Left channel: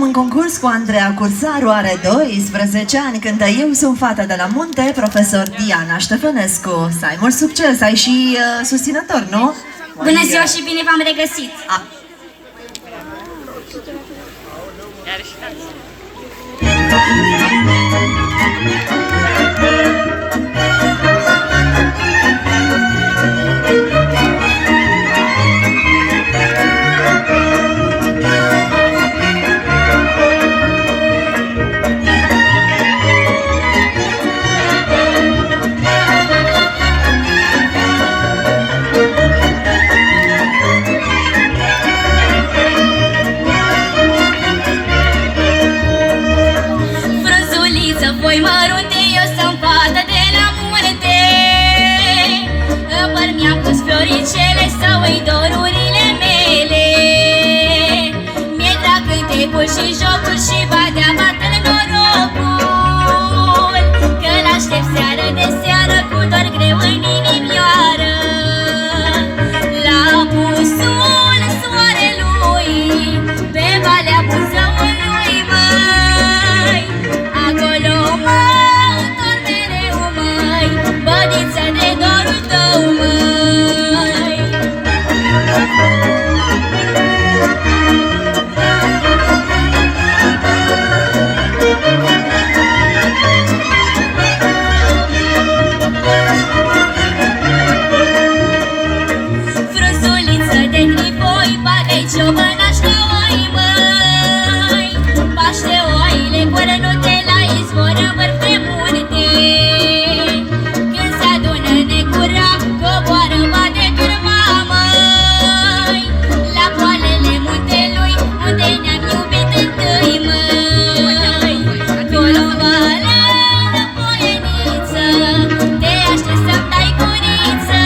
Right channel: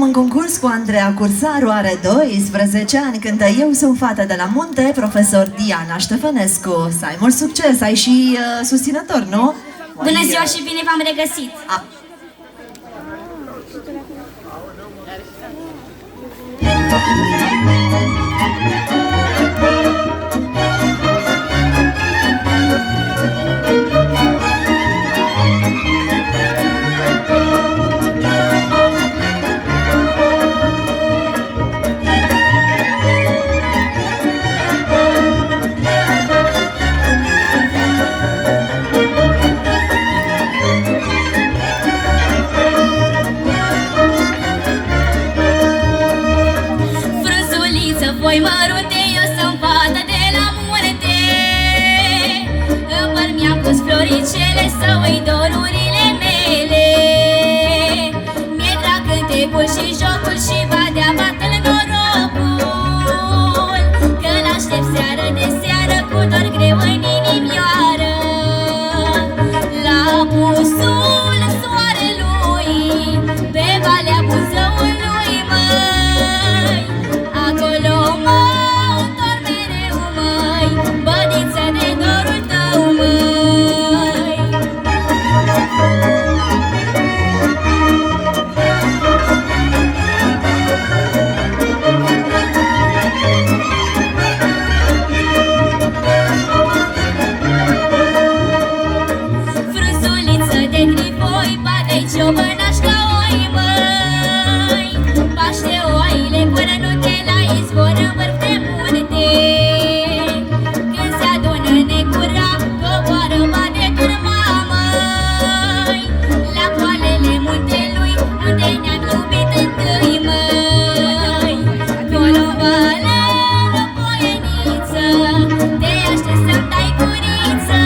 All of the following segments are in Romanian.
În concurs cu Andreea Cursaru, are 12 ani, cântă Eu sunt fata de la munte, profesor Diana Ștefănescu. Să ai mult succes, ai și susținător, nu? Bună ziua și bine v-am regăsit! Voi mărunte, eu sunt fată de la munte. În păr mi-am pus floricele să uit dorurile mele. Mi-e drag cântecul și jocul și badea bată-l norocul, că l-aștept seară de seară cu dor greu în inimioară. La apusul soarelui, pe valea Buzăului, măi, acolo mă întorc mereu, măi, bădiță de dorul tău, măi. Frunzuliță de tricoi, bagă-i ciobănașca oi, măi, paște oile corănute la izvor în vârf de munte. Când se adună necura, coboară bade turma, măi, la poalele muntelui, unde ne-am iubit întâi, măi. Acolo în vale, răpoieniță, te aștept să-mi dai guriță,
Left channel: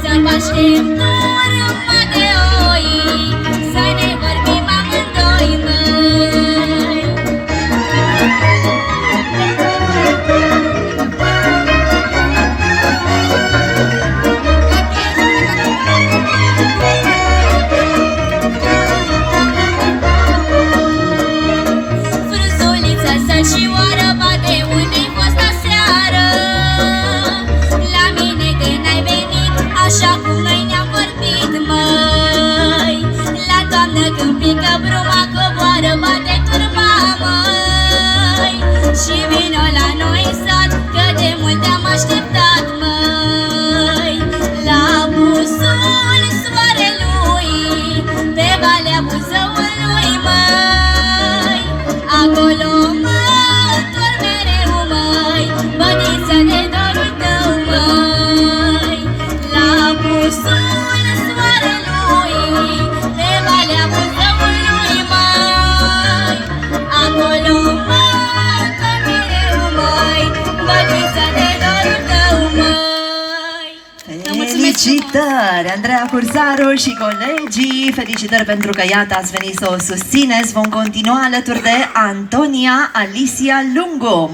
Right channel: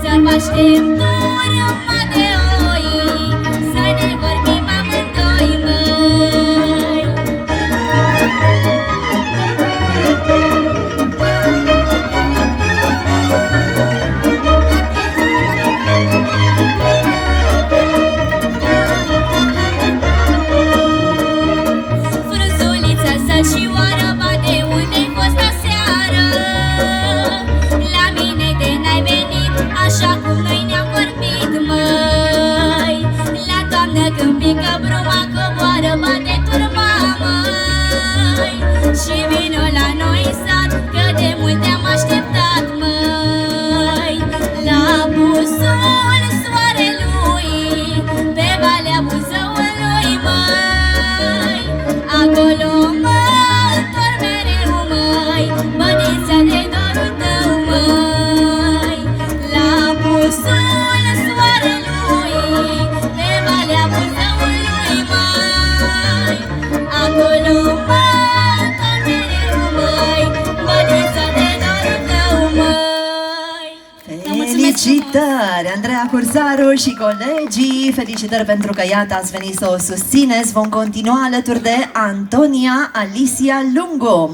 să baștem turma de oi, să ne vorbim amândoi, măi. Frunzuliță săcioară, bate unde-ai fost aseară. La mine de n-ai venit, așa cum noi ne-am vorbit, măi. La toamnă când pică bruma, coboară bate turma, măi. Și vino la noi în sat, că de mult te-am așteptat, măi. La apusul soarelui, pe valea Buzăului, măi, acolo mă întorc mereu, măi, bădiță de dorul tău, măi. La apusul soarelui, pe valea Buzăului, măi, acolo mă întorc mereu, măi, bădiță de dorul tău, măi. Felicitări, Andreea Cursaru și colegii! Felicitări pentru că, iată, ați venit să o susțineți. Vom continua alături de Antonia Alicia Lungu.